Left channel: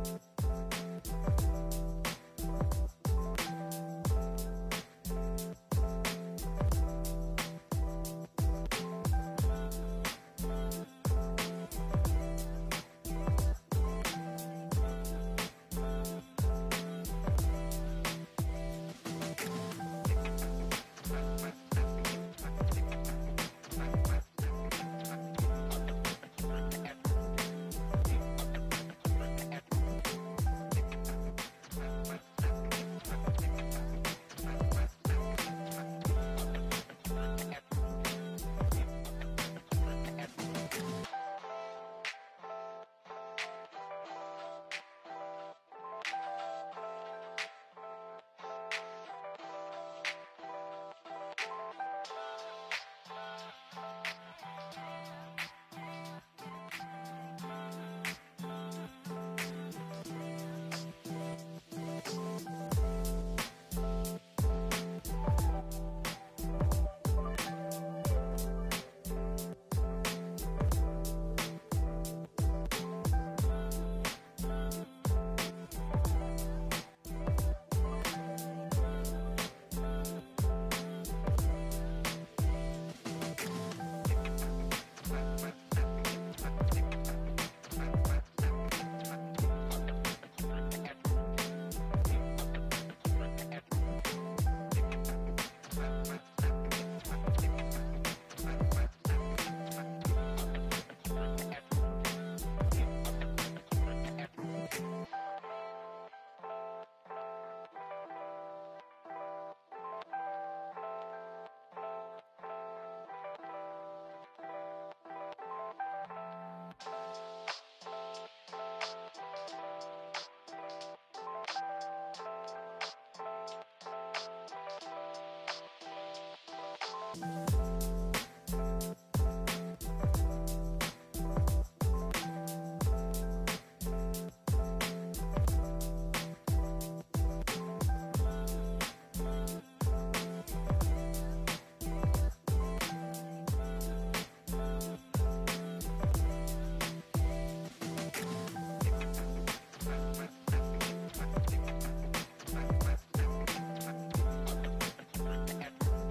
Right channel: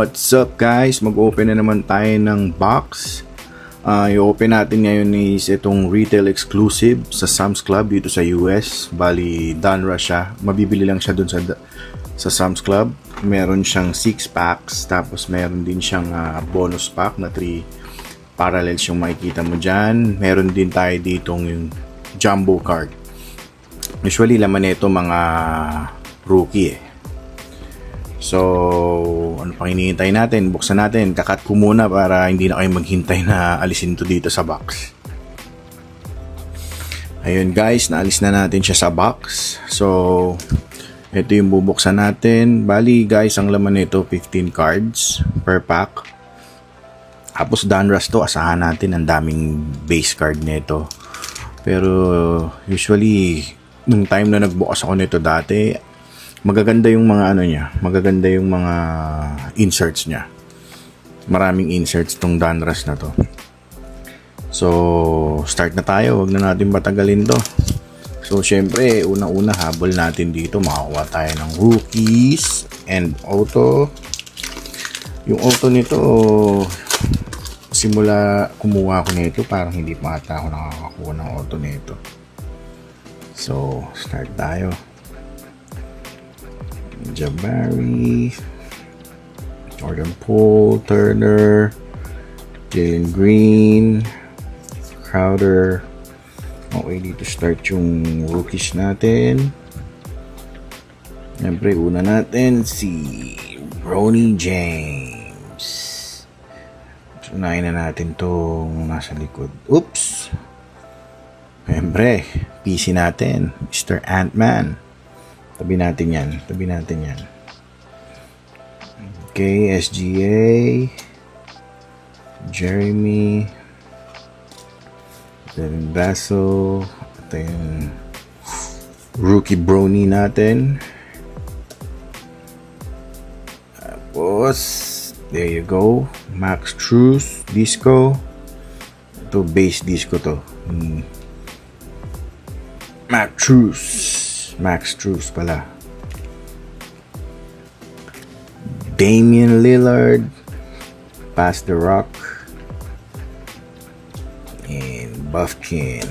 What's up guys? Mag-open na naman tayo ng box. I-open natin ngayon is itong retail exclusive sa Sam's Club dito sa US. Bali, Donruss siya. Mabibili lang siya dun sa Sam's Club. Meron siyang 6 packs. Tapos meron din siyang bonus pack na 3 parallels yung makikita mo dyan. Meron din tayo ditong yung jumbo card. Usually laman nito mga rookie eh. So, ano pang hinihintay natin? Buksan natin. Kakat ko muna para hindi na kayo maghintay na alisin to dito sa box. Ayun guys, naalis na natin siya sa box. So, ito yung bubuksan natin. Bali guys, ang laman nito 15 cards per pack. Tapos Donruss to, asahan natin ang daming base card nito. Pero usually, nung time na nagbukas ako nito dati, magaganda yung mga ano niya, magaganda yung mga inserts niya. Maraming inserts tong Donruss na to. So, start na tayo, wag na natin patagalin to. So, syempre, unang-una habol natin dito, makakuha tayo ng rookies and auto. Yung auto nito, simula kumuha ko nito, parang hindi pa ata ako nakakakuha ng auto nito. So, start tayo. Jabari, Jordan Poole, Turner, Jalen Green, Crowder. Okay, dito start yung rookies natin. Siyempre, una natin si Bronny James. Unahin na natin tong nasa likod. Oops! Siyempre, PC natin, Mr. Ant-Man. Tabi natin yan. Okay, SGA, Jeremy, then Basso, ito yung rookie Bronny natin. Tapos, there you go, Max Strus, Disco. Ito, base Disco to. Max Strus pala. Damian Lillard, Pass the Rock, and Buffkin.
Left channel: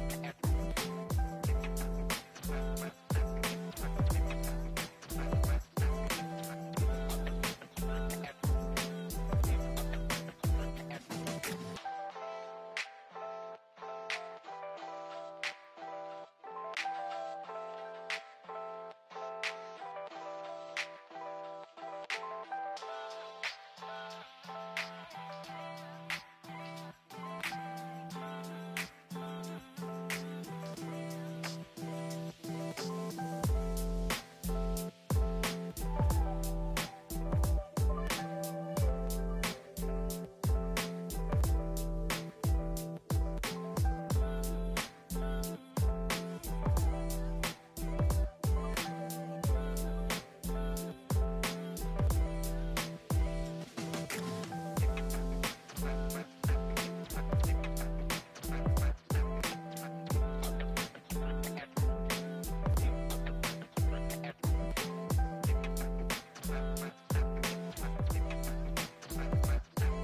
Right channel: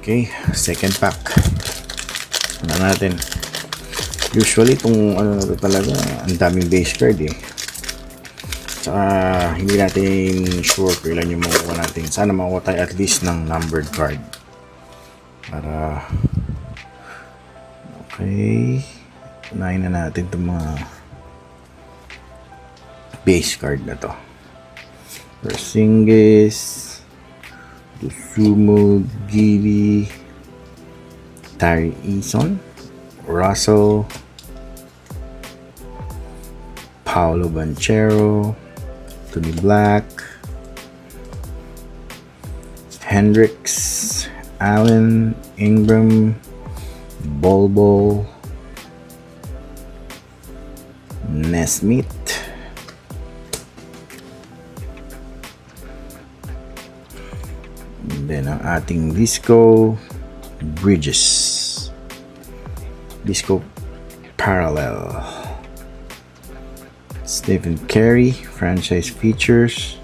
Okay, second pack. Ano natin? Usually itong ano talaga, ang daming base card eh. Saka hindi natin sure kung ilan yung makukuha natin. Sana makukuha tayo at least ng numbered card. Para okay, unahin na natin itong mga base card na to. Porzingis, Dosunmu, Giddey, Tari Eason, Russell, Paolo Banchero, Tony Black, Hendricks, Allen, Ingram, Bol, Nesmith, and then ang ating Disco Bridges, Disco Parallel, Stephen Curry, franchise features,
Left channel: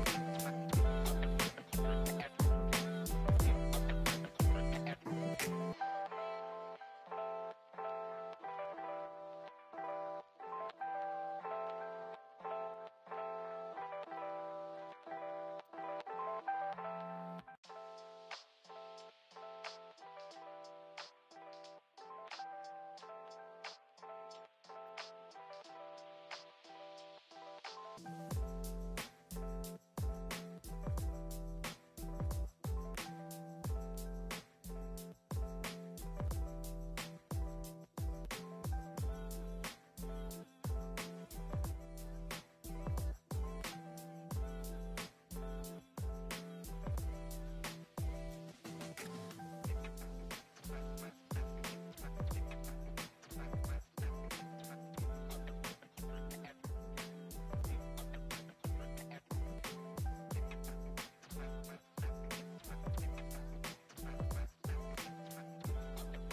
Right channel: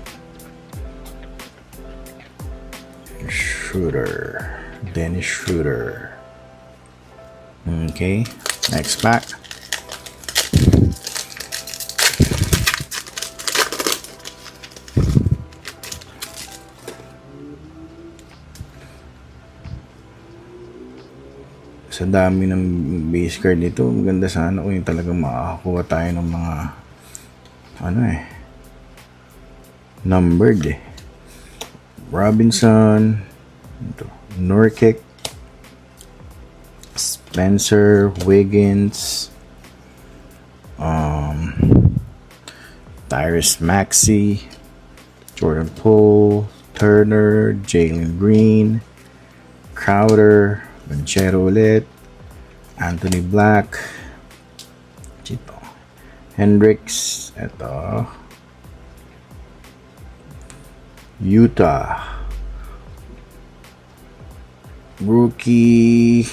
Dennis Schroeder. Okay, next pack. Sa dami ng base card nito, maganda sana kung yung talagang makakakuha tayo ng mga numbered eh. Robinson, Nurkic, Spencer, Wiggins, Tyrese Maxey, Jordan Poole, Turner, Jalen Green, Crowder, Banchero ulit, Anthony Black, Chito, Hendricks, eto, Utah, rookie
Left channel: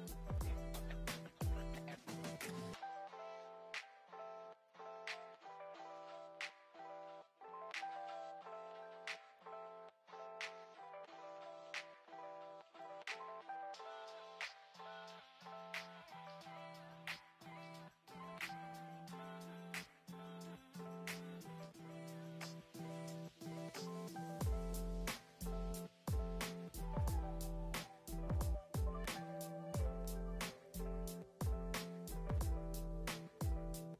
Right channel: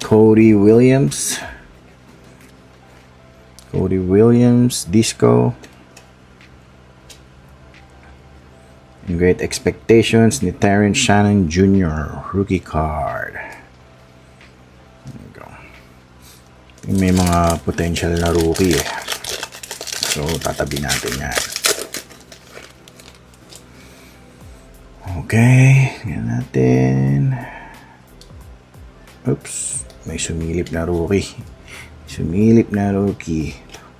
Cody Williams, Cody Williams, Disco. Great Expectations ni Terrence Shannon Jr. Rookie card. There you go. May mga potential na rookie eh. So, tatabi natin yan. Okay. Yan natin. Oops. May sumilip na rookie.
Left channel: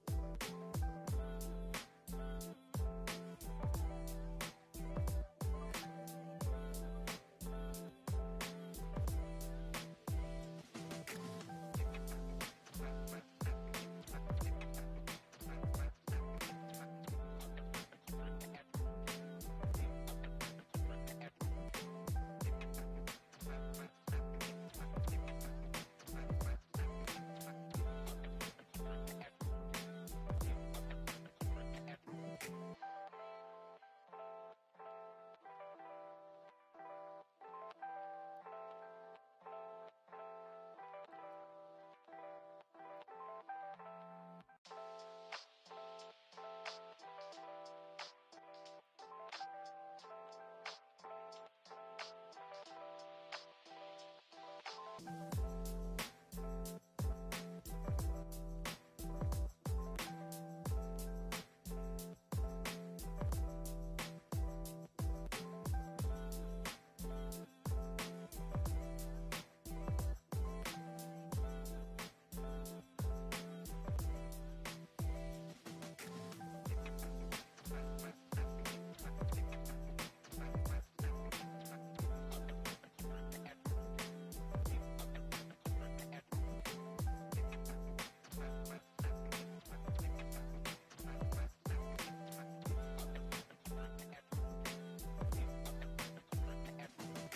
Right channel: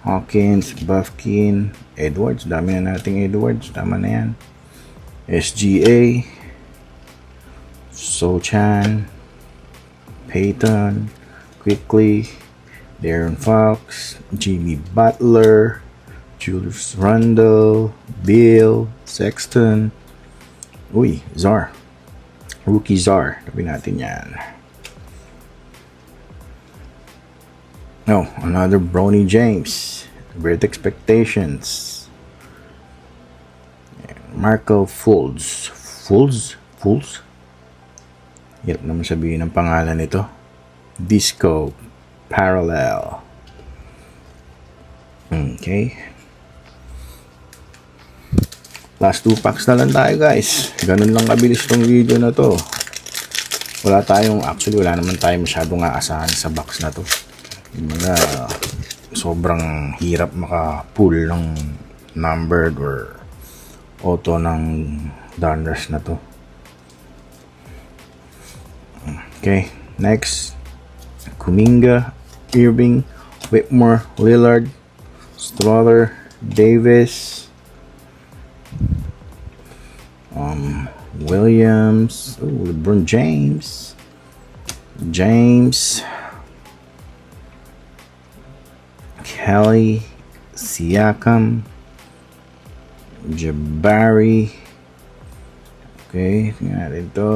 Hawkins, Buffkin, Edwards. Dami na nating Edwards. Tama na yan. SGA, Sochan, Peyton, Quickly, Darren Fox, Jimmy Butler, Julius Randle, Bill, Sexton. Uy, Czar. Rookie Czar. Tabi natin yan. No, another Bronny James. Great Expectations. Markel Fultz. Hirap naman sabihin ng pangalan nito. Disco Parallel. Okay. Last 2 packs na lang tayo, guys. Ganun lang kabilis tong video na to. Wala naman tayong masyadong aasahan sa box na to. Sobrang hirap maka-pull ng numbered or auto ng Donruss na to. Okay, next. Kuminga, Irving, Whitmore, Lillard, Strother, Davis, Williams, LeBron James, Kelly, Siakam, Jabari. Okay, tingnan natin ito.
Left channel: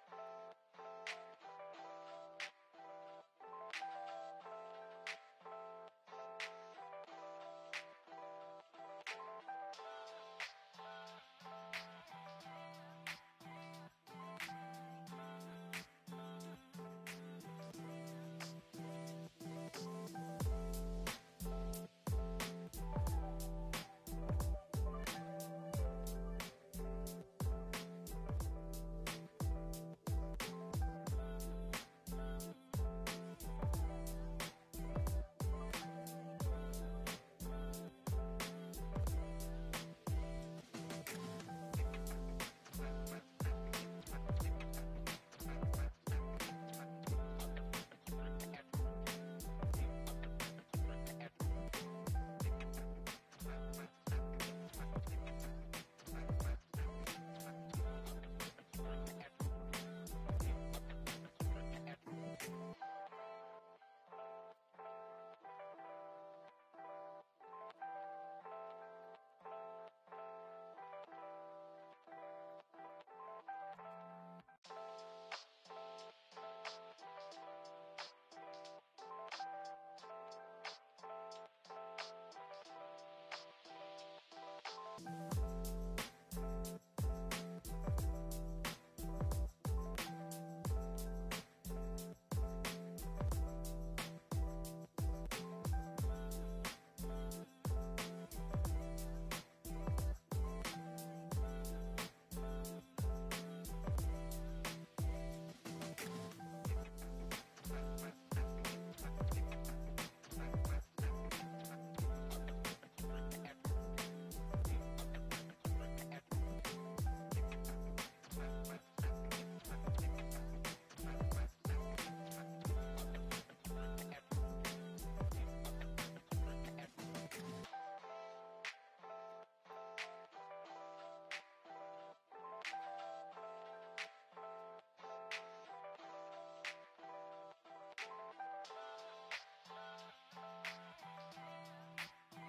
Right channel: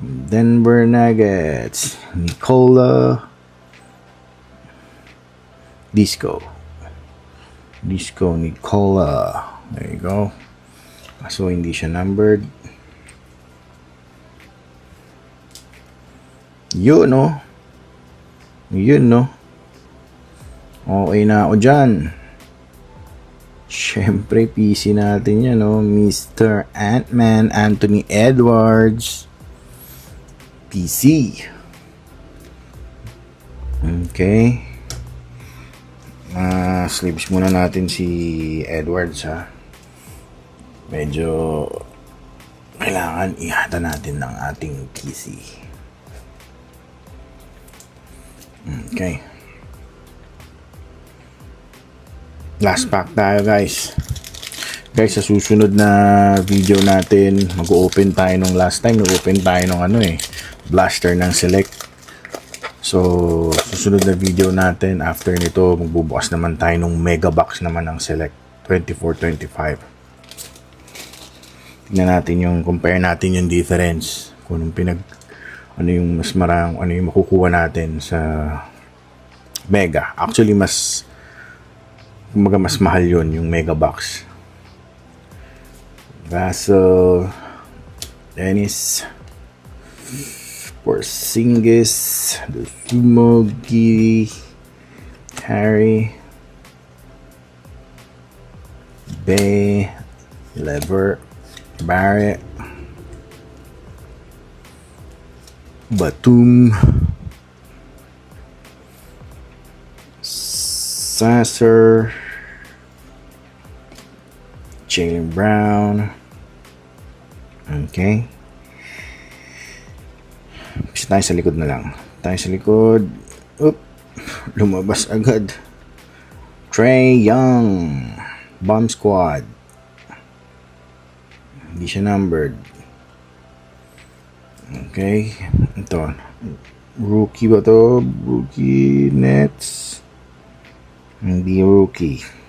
Denver Nuggets, Nikola, Disco Nikola. There you go. So hindi siya numbered. Yun no. Okay na ako dyan. Siyempre, PC natin yan, no? Mr. Ant-Man, Anthony Edwards. PC. Okay. Sleeves muna natin si Edwards, ha? Medyo kailangan ihata natin ng ating PC. Okay. Last pack tayo, guys. Sa susunod na video natin, mag-open tayo nung last time. Nag-open tayo ng blaster ng Select. So, susunod na video natin, after nito, magbubukas naman tayo ng mega box naman ng Select 24-25. Tingnan natin compare natin yung difference. Kung ano yung mas marang, ano yung makukuha natin sa mega. Actually, mas mahal yun, yung mega box. Vassell, Dennis, Porzingis, Sumo, Giri, Harry, Bay, Lever, Barrett, Batum, Sasser, Jaylen Brown. Okay. Bisa tayo sa likod na lang. Tayo sa likod. Oop. Lumabas agad. Trae Young. Bomb Squad. Hindi siya numbered. Okay. Ito. Rookie ba to? Rookie Nets. Hindi rookie.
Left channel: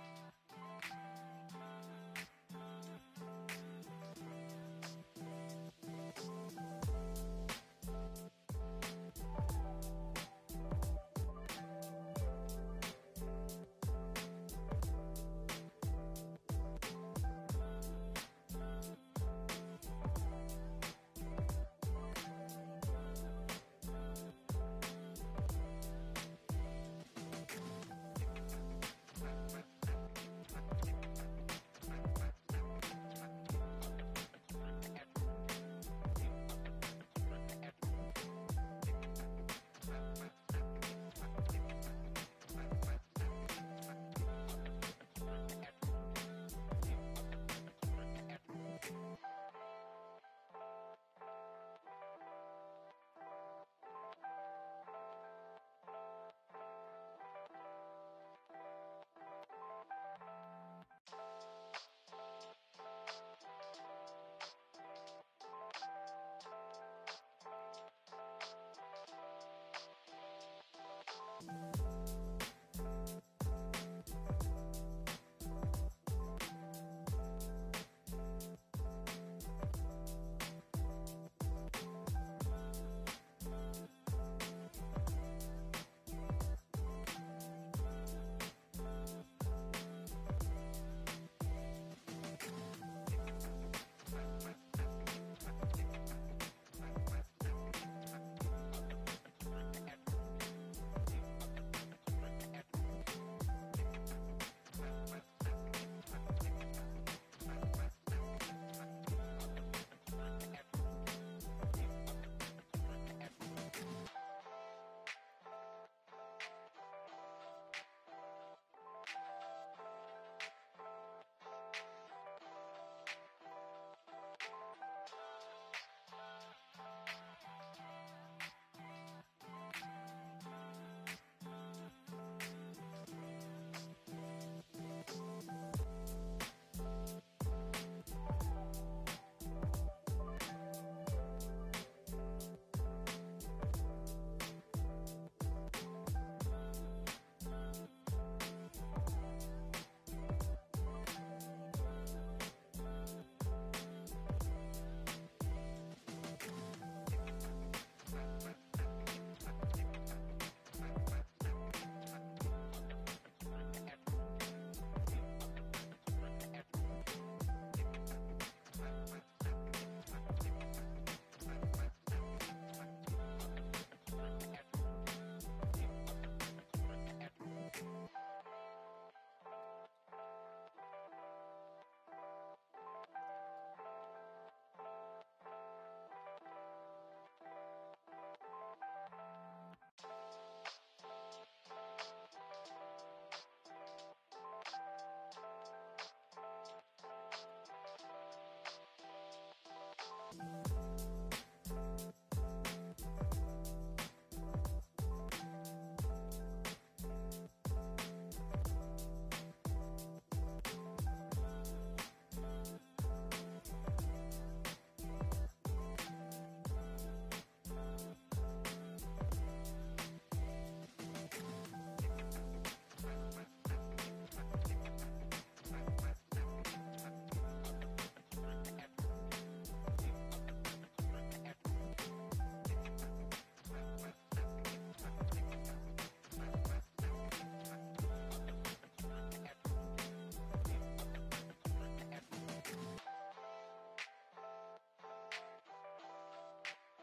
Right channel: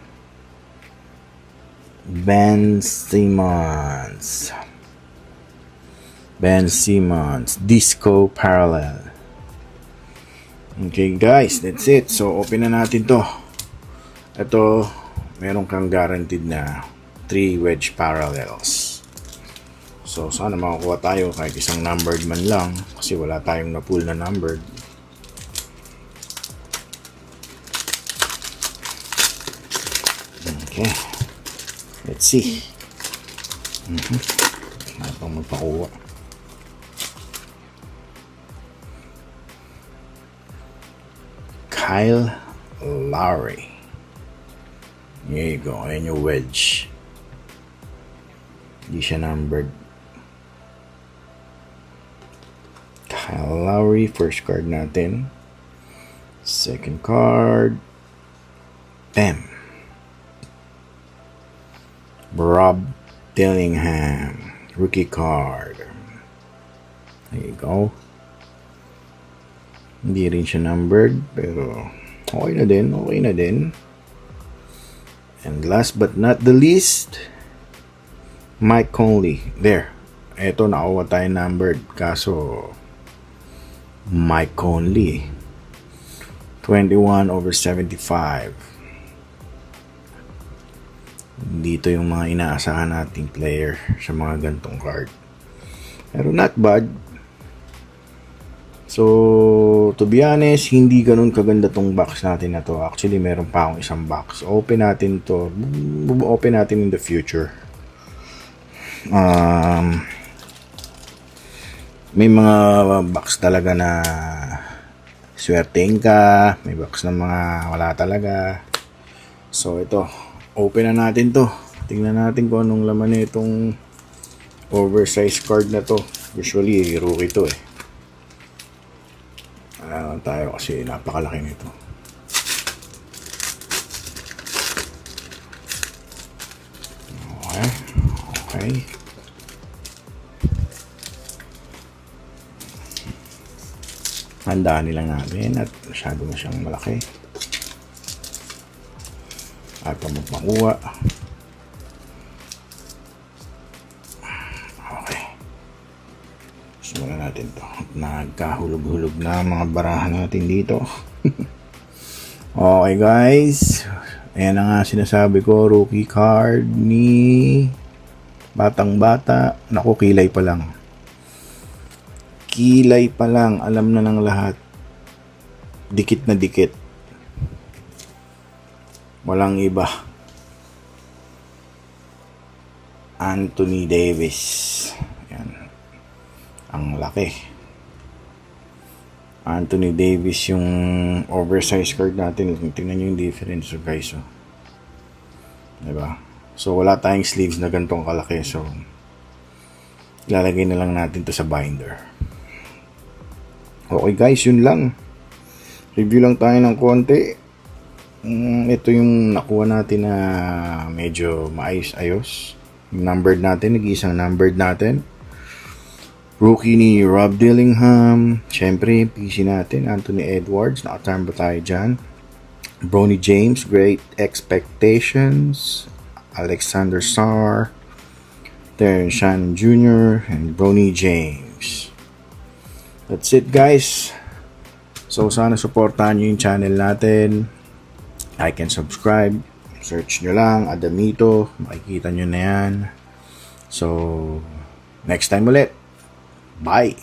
Ben Simmons, Disco Parallel. Okay guys, that's it. So open na natin to. Ito, meron kang guaranteed na 3 wedge parallels. So sana makakuha tayo kahit isang numbered man lang, kasi wala tayong na-pull na numbered. Okay. Let's see. Ano pang magpakuha? Kyle Lowry. There you go. Ayan yung wedge. Hindi siya numbered. Kyle Lowry. First card natin. Second card. Bam. Rob Dillingham. Rookie card. There you go. Hindi rin siya numbered, pero okay na din, okay na din. And last but not the least, Mike Conley. There. Eto, nakuha tayo numbered. Kaso, Mike Conley. 21/75. Dito yung mga inaasahan nating player sa mga gantong card. Pero not bad. So, to be honest, hindi ganun kaganda tong box natin na to. Actually, meron pa akong isang box. Open natin to. Open natin in the future. May mga box talaga na swerteng ka. May box na mga wala talaga. So, ito. Open na natin to. Tingnan natin kung anong laman nitong oversized card na to. Usually, rookie to eh. Tayo kasi napakalaki nito. Okay. Okay. Handaan nilang natin at masyado na siyang malaki. At magpakuha. Simulan natin to. Nagkahulog-hulog na mga barahan natin dito. Okay guys, ayan na nga sinasabi ko, rookie card ni batang bata. Naku, kilay pa lang. Kilay pa lang, alam na ng lahat. Dikit na dikit. Walang iba. Anthony Davis. Ayan. Ang laki. Anthony Davis yung oversized card natin. Tingnan nyo yung difference, so guys. Oh. Diba? So, wala tayong sleeves na gantong kalaki. So, ilalagay na lang natin to sa binder. Okay guys, yun lang. Review lang tayo ng konti. Ito yung nakuha natin na medyo maayos-ayos. Yung numbered natin, nag-iisang numbered natin. Rookie ni Rob Dillingham. Siyempre, PC natin, Anthony Edwards. Nakatarm ba tayo dyan? Bronny James, Great Expectations. Alexander Sarr. Terrence Shannon Jr. And Bronny James. That's it guys. So sana supportahan nyo yung channel natin. Like and subscribe. Search nyo lang, Adamito. Makikita nyo na yan. So, next time ulit. Bye!